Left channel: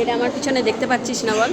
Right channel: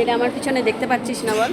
এটা আমার পিছনে দেখতে পাচ্ছিস না বল?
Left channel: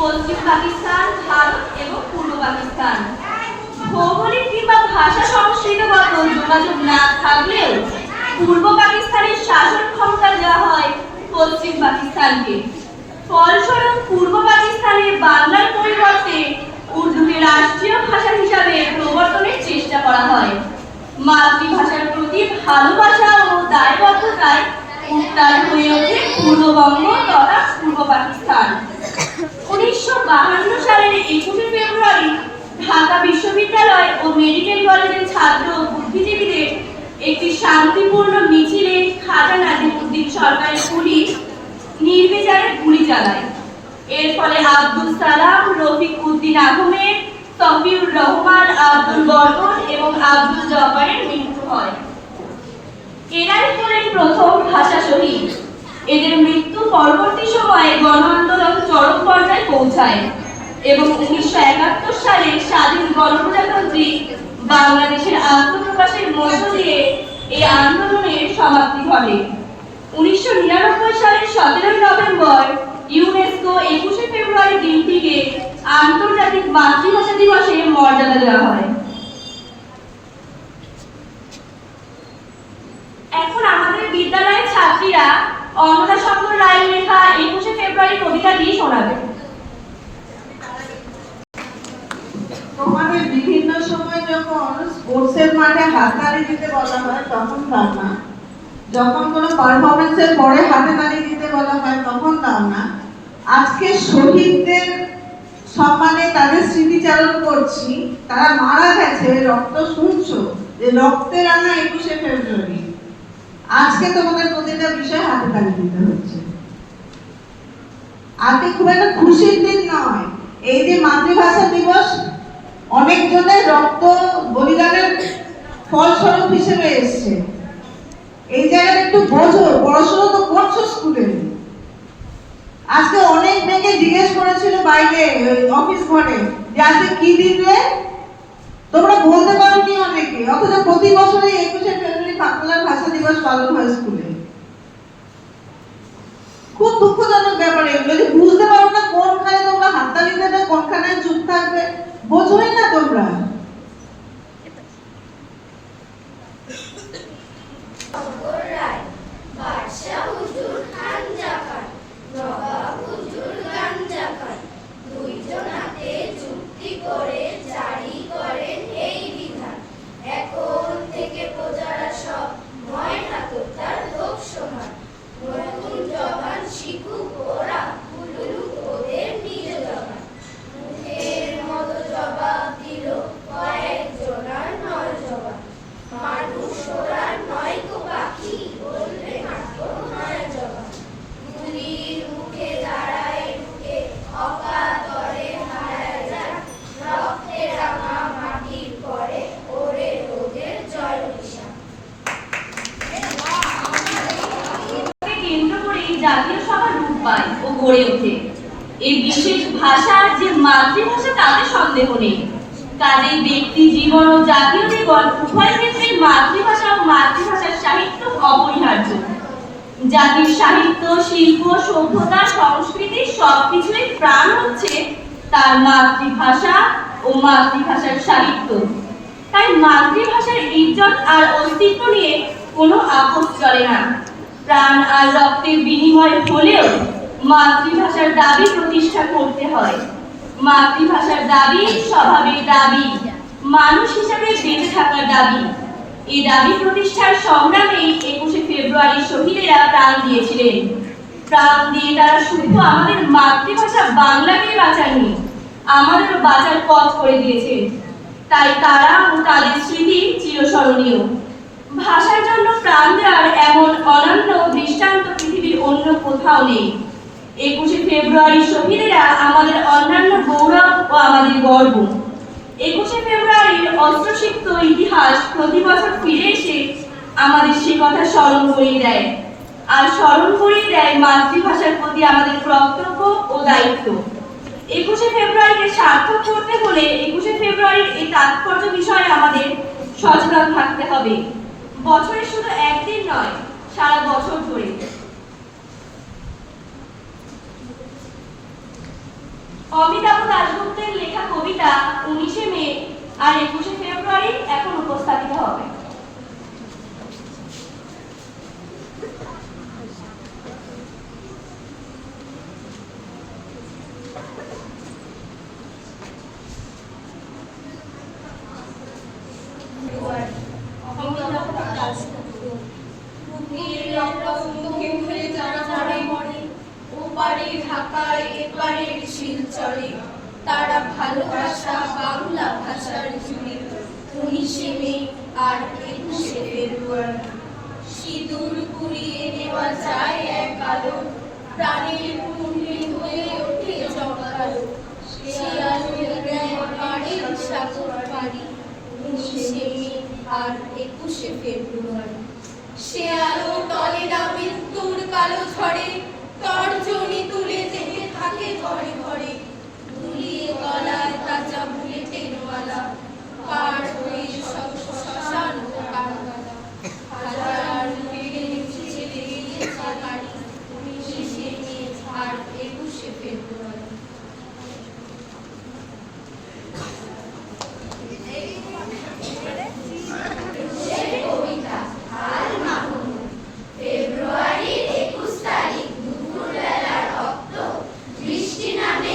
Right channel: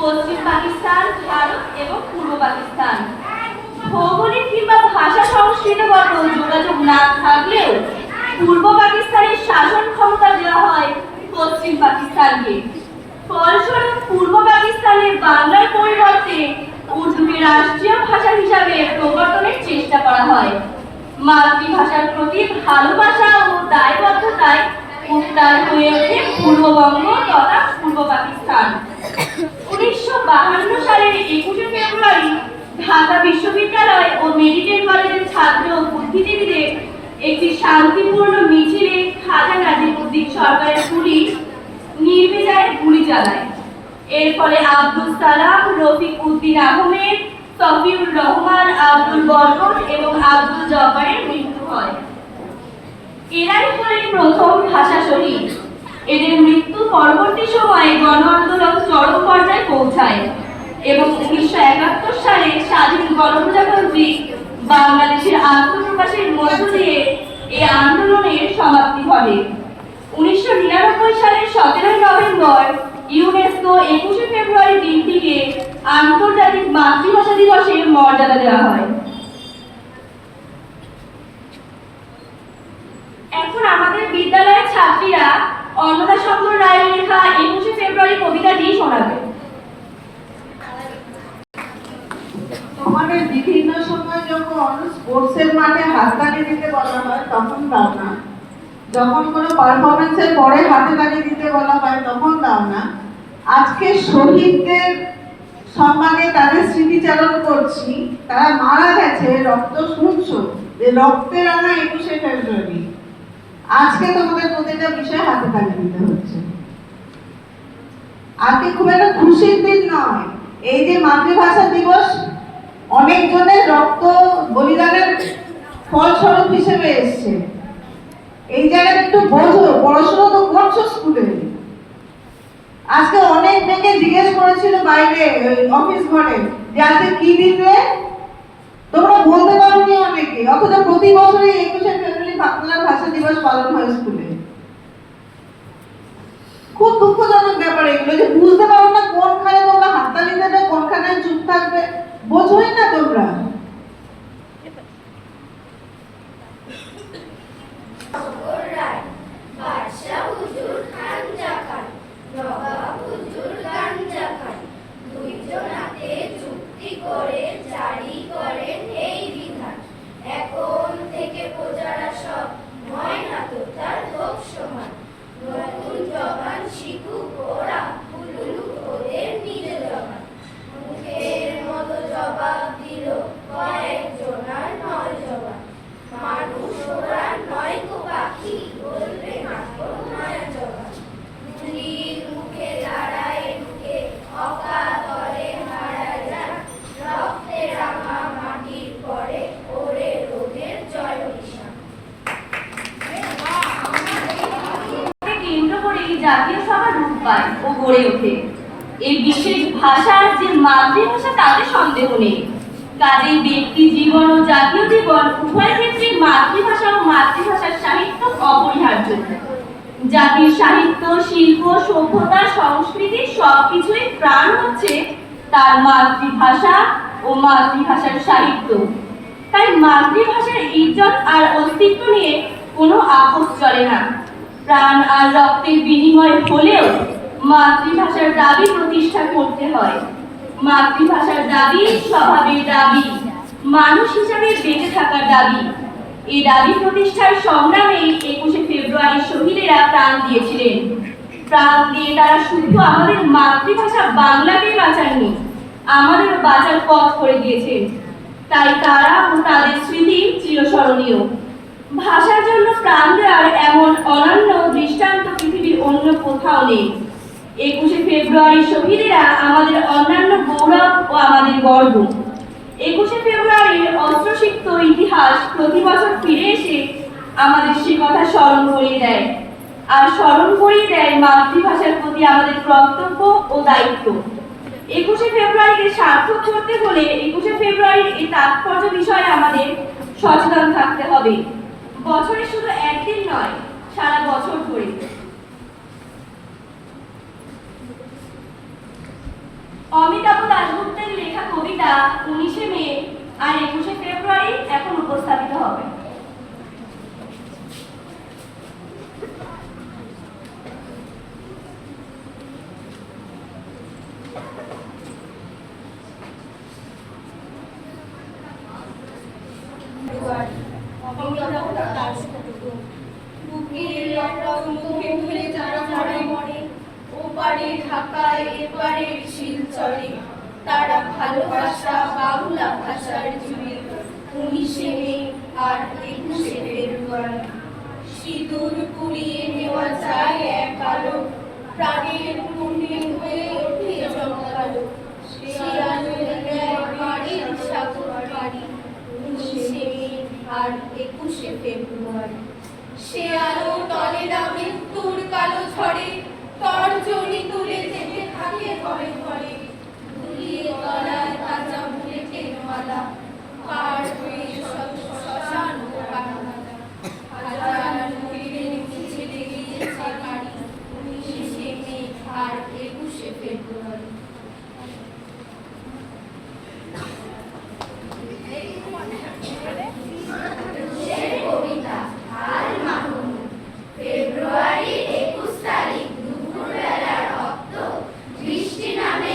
পশ্চিম পাকিস্তান, ভারত এবং পূর্ব পাকিস্তান। ভৌগোলিক কিংবা ভাষা সংস্কৃতিগত যোগাযোগ না থাকলেও পূর্ব পাকিস্তানের শাসন ক্ষমতা দেওয়া হয় পশ্চিম পাকিস্তানকে। ফলস্বরূপ পূর্ব পাকিস্তানে বাংলার পরিবর্তে উর্দুকে রাষ্ট্রীয় ভাষা হিসাবে প্রবর্তনের চেষ্টা করা হয়। মাতৃভাষার প্রতি ভালোবাসা ও দায়বদ্ধতায় উত্তাল হয়ে ওঠে পূর্ববঙ্গ তথা পূর্ব পাকিস্তান। 1952 সালের 21শে ফেব্রুয়ারি ঢাকা বিশ্ববিদ্যালয় ও মেডিকেল কলেজের ছাত্র বুদ্ধিজীবীদের একটি শান্তিপূর্ণ মিছিলে খাজা নাজিমুদ্দিন সরকারের পুলিশ নির্বিচারে গুলি চালায়। এর ফলে আব্দুল সালাম, রফিক উদ্দিন আহমেদ, সফিউর রহমান, আব্দুল বরকত এবং আব্দুল জব্বারের মৃত্যু হয়। এরাই হলেন প্রথম ভাষা শহীদ। এদের মৃত্যু পরবর্তী সময়ে গণ আন্দোলন চরম পর্যায়ে পৌঁছায় এবং 1971 সালে স্বাধীন গণপ্রজাতন্ত্রী বাংলাদেশের আত্মপ্রকাশের মধ্য দিয়ে এই আন্দোলনের সমাপ্তি ঘটে। 1999 সালের 17 নভেম্বর ইউনেস্কো 21শে ফেব্রুয়ারি দিনটিকে আন্তর্জাতিক মাতৃভাষা দিবসের মর্যাদা দেওয়া হয়। এখন আমাদের বিদ্যালয়ের ছাত্রীরা অন্নদা শঙ্কর রায়ের লেখা 21শে ফেব্রুয়ারি কবিতাটি শোনাবে। তোমাদের বিভিন্ন সময় যখন স্পোর্টসের মাঠে হাততালি দিতে বলা হয় তখন দাও না, যখন কোনো পারফরমেন্সের পরে হাতে তালি দিতে বলা হয় তখন দাও না। আজকে শহীদদের সম্মানে তাদের স্মৃতিচারণ করছি, তারা মারা গেছে রক্ত শুনছ, যে রক্তের রাঙা 21শে ফেব্রুয়ারি। আজকে তোমাদের প্রতিটা বিষয় হাতে তালি দিতে হচ্ছে। আজকে খুব একটা খুশির দিন নয়। এই যে মাতৃভাষা দিবস অনেক জনের রক্ত বলিদানের ফলস্বরূপ হিসেবে এসছে। এই জায়গাটা একটু বোঝো, পড়াশোনা তো করছো স্কুলে। আজকে অনেক মেয়েকে জিজ্ঞেস করেছিল বাইরে অফিস ঘরে যে আজকে কি দিবে, তোমরা বলতে পারোনি অনেকে, অথচ প্রতি বছরই 21শে ফেব্রুয়ারি বাংলার ভাষা দিবস পালন হয় স্কুলে। খুব দুঃখজনক ব্যাপার এগুলো, যে বুঝতে পারো না কোনখানে তোমরা হাততালি দেবে, কোনখানে চুপ থাকবে, বোঝোই না তোমরা। জাতীয় সভা রূপ পায় ও গড়ে ওঠে। এই বিশেষ ভাষার যে মাতৃভাষা তাতে সন্দেহ নেই। কাজেই ব্যক্তি জীবন ও জাতীয় জীবন উভয় ক্ষেত্রেই মাতৃভাষা ও মাতৃভাষার সাহিত্য অপরিহার্য। জাতির সাহিত্য, শিল্প, সভ্যতা, সংস্কৃতি সবকিছুই প্রাণ হচ্ছে তার মাতৃভাষা ও মাতৃভাষার সাহিত্য। তাই মাতৃভাষার ইজ্জত আর অস্তিত্ব নিয়ে কোনো আপোষ চলে না। প্রাণ আর রক্তের বিনিময় হলেও মাতৃভাষার দাবি প্রতিষ্ঠা করতে হয়। মাতৃভাষার দাবি স্বভাবের দাবি, মানুষ হিসাবে বেঁচে থাকার দাবি। এই দাবি প্রতিষ্ঠার সংগ্রামেই 21শে ফেব্রুয়ারি শহীদেরা প্রাণ দিয়েছিলেন। প্রাণ দিয়ে তারা শুধু আমাদের মাতৃভাষা বাংলাকে বাঁচাননি, আমাদেরও বাঁচার পথ করে দিয়েছেন। তাই তারা ও তাদের স্মৃতি চিরস্মরণীয়। ভাষার জন্য প্রাণ দেওয়ার এমন অনন্য দৃষ্টান্ত পৃথিবীর অন্য কোথাও নেই। 21শে ফেব্রুয়ারি শহীদেরা আমাদের অন্যান্য গৌরব ও আমাদের গর্ব। 21শে ফেব্রুয়ারির অস্ত্রসিক্ত ইতিহাস প্রতি বছর ফিরে এসে আমাদের সে কথা স্মরণ করিয়ে দেয়, আর স্মরণ করিয়ে দেয় মাতৃভাষার প্রতি আমাদের কর্তব্য ও দায়িত্ব। 21শে ফেব্রুয়ারিকে সার্থক করতে হলে 21শে ফেব্রুয়ারির এই তাৎপর্য বিষয়ে আমাদের সচেতন থাকতে হবে। বছরে শুধু একদিন নয়, সারা বছর ধরে। অমিতাভ দাশগুপ্তের লেখা কবিতা 19শে মে আর 21শে ফেব্রুয়ারি এখন উপস্থাপিত হবে। তারা ভালোবাসা বাংলা ভাষার জুড়ে 19শে মে আর 21শে ফেব্রুয়ারি। সিঁদুর কুড়িয়ে নেওয়া যায় এক আলো, প্রাণের পুণ্যে হয়ে ওঠে জমকালো। সে আলো দেয় বাড়ির সাগর পাড়ি 19শে মে আর 21শে ফেব্রুয়ারি। সে আলো তলে না মৃত্যুর কালো ঝড়ে, তর্জনী তুলে যেতে থাকে ঘরে ঘরে। দুলিয়ে তলায় তাজা বুলেটের মালা, পার হয়ে শ্মশান ও কামনালা। হাজার মুখে ছেলে গিয়েছে বাড়ি 19শে মে আর 21শে ফেব্রুয়ারি। কবিতা আর মাহমুদ। ফেব্রুয়ারি 21 তারিখ দুপুরবেলা রক্ত বৃষ্টি নামে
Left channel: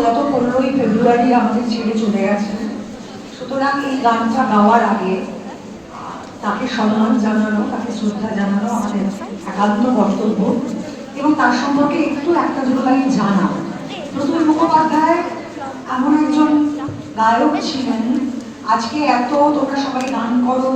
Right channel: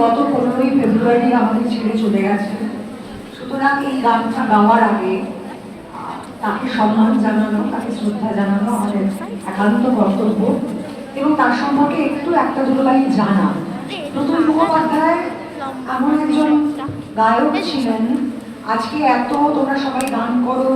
গত 15ই ফেব্রুয়ারি আমাদের ছেড়ে চলে গেছেন। সুতরাং এই গানটা গাওয়ার আগে তাকে সম্মান জানানো, তাকে শ্রদ্ধা জানানো আমাদের একান্ত কর্তব্য, এবং তার সম্পর্কে একটু একটা দুটো লাইন জানা। প্রতুল মুখোপাধ্যায় এমন একজন গায়ক ছিলেন, আজকে এত তোমরা সবাই গান করো,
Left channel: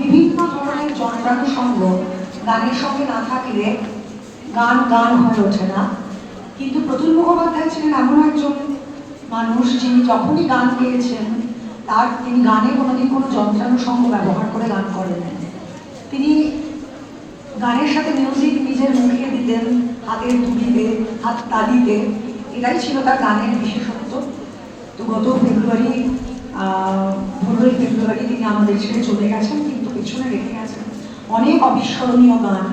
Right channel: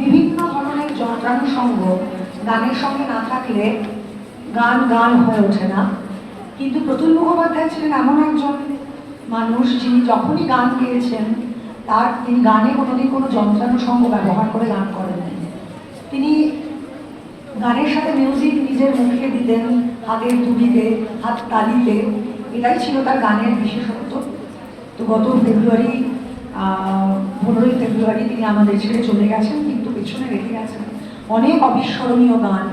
বিভিন্ন ধরনের যন্ত্রানুষঙ্গ গানের সঙ্গে না থাকলে গান গান হয়ে ওঠে না। কিন্তু প্রতুল মুখোপাধ্যায় ছিলেন এমন একজন মানুষ যিনি যখনই গান গেয়েছেন তিনি গানে কোনোদিন কোনো যন্ত্রানুষঙ্গ ব্যবহার করে গান করেননি। তিনি গানের সাথে মিউজিক নিজের মুখে দিতেন, হাতের তুলিতে, হাত তালিতে, এটাই ছিল তার গানের বিশেষত্ব। তো গত 15ই ফেব্রুয়ারি তিনি আমাদের ছেড়ে চলে গেছেন, কিন্তু পেছনে রেখে গেছেন অনেক অবিস্মরণীয় গান।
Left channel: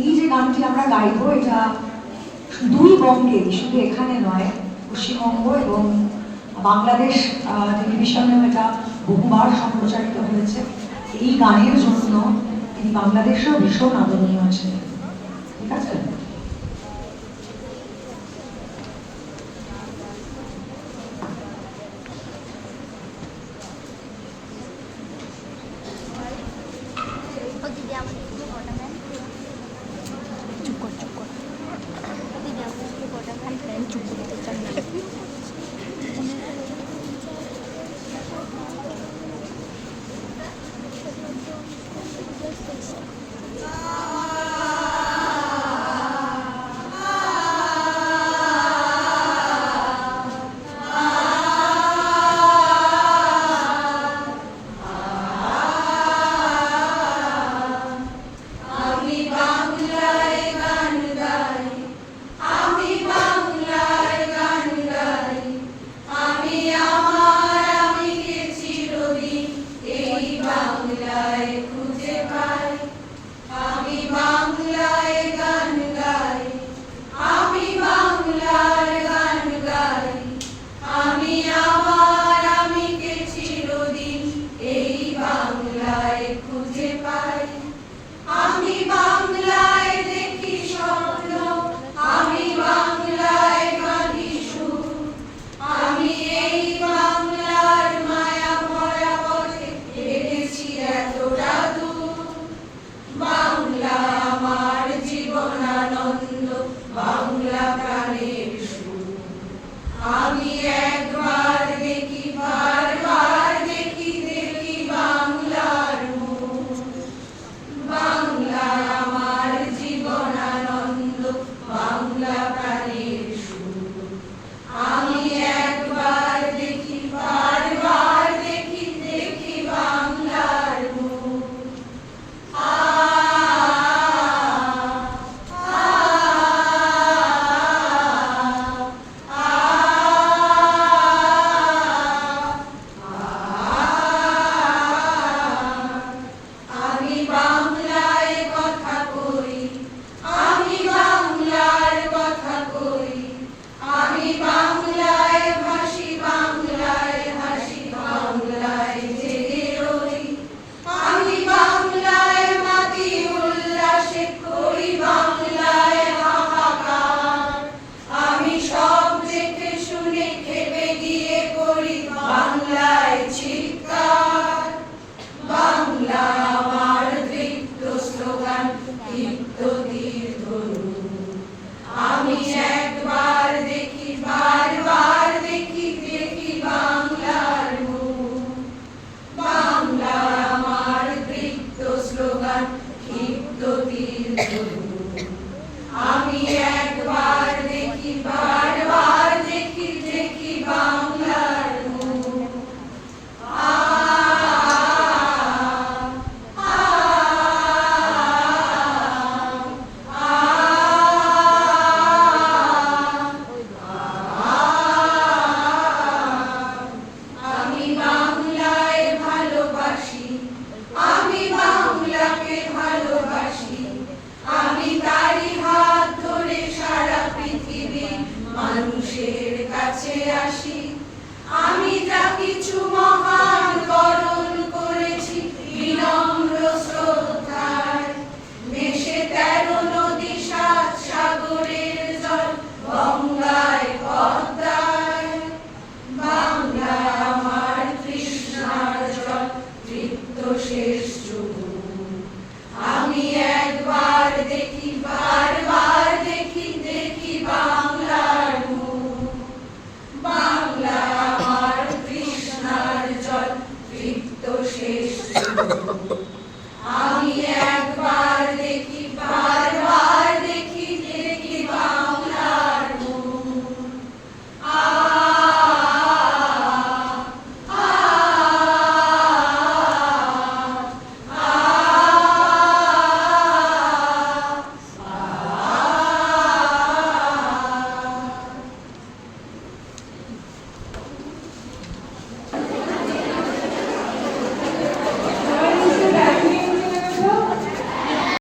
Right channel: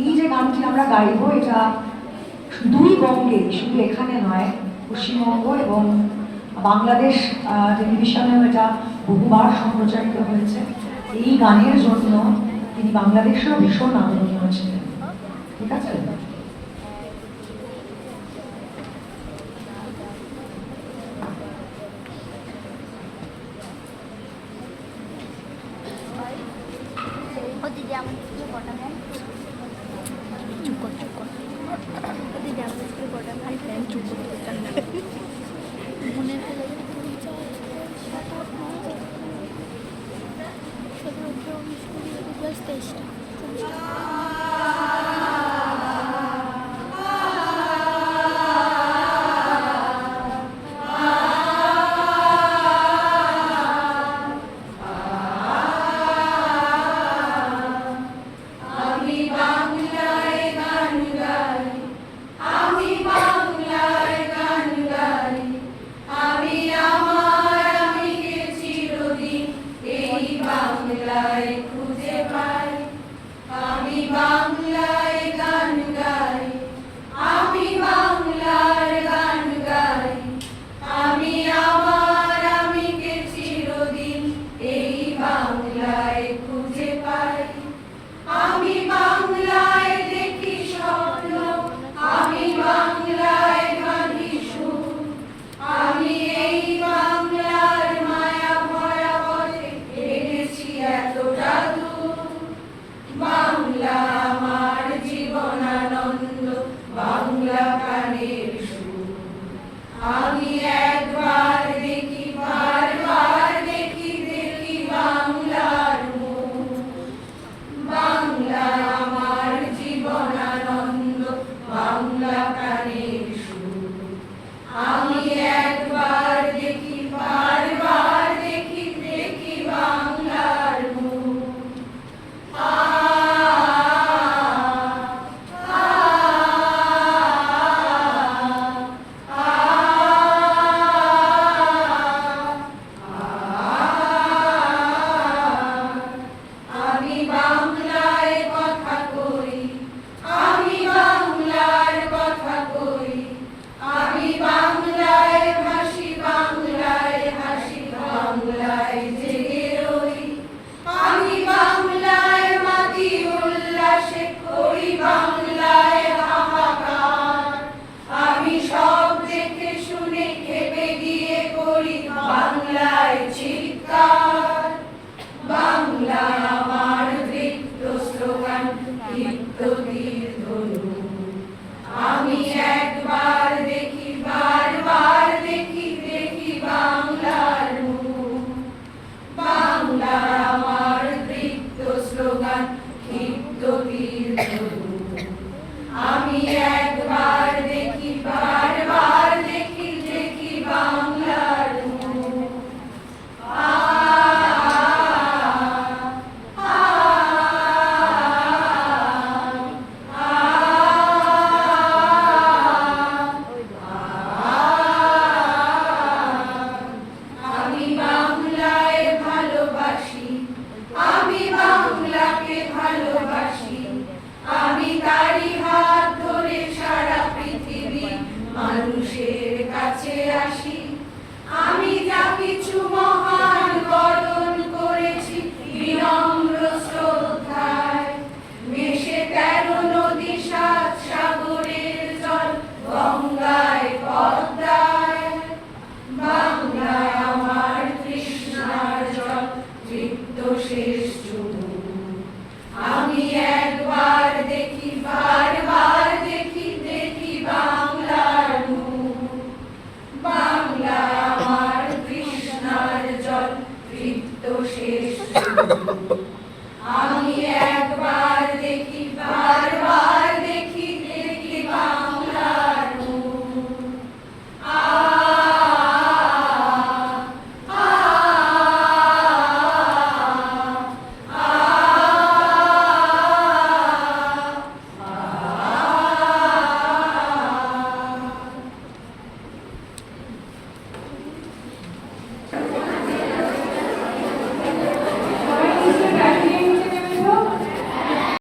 এই যে গানটি আমরা গাইব, এটা দুই বঙ্গে, শুধু এখানে নয়, পশ্চিমবঙ্গ এবং বাংলাদেশ টেলিভিশনেও এটা বহুবার সম্প্রচারিত হয়েছে। এই গানের জন্য তিনি বাংলাদেশেও ভীষণ আদরণীয় ছিলেন। ঠিক আছে? চুপ করতে চাই না। মানুষের কাছে আসি, আমি যা কিছু মহা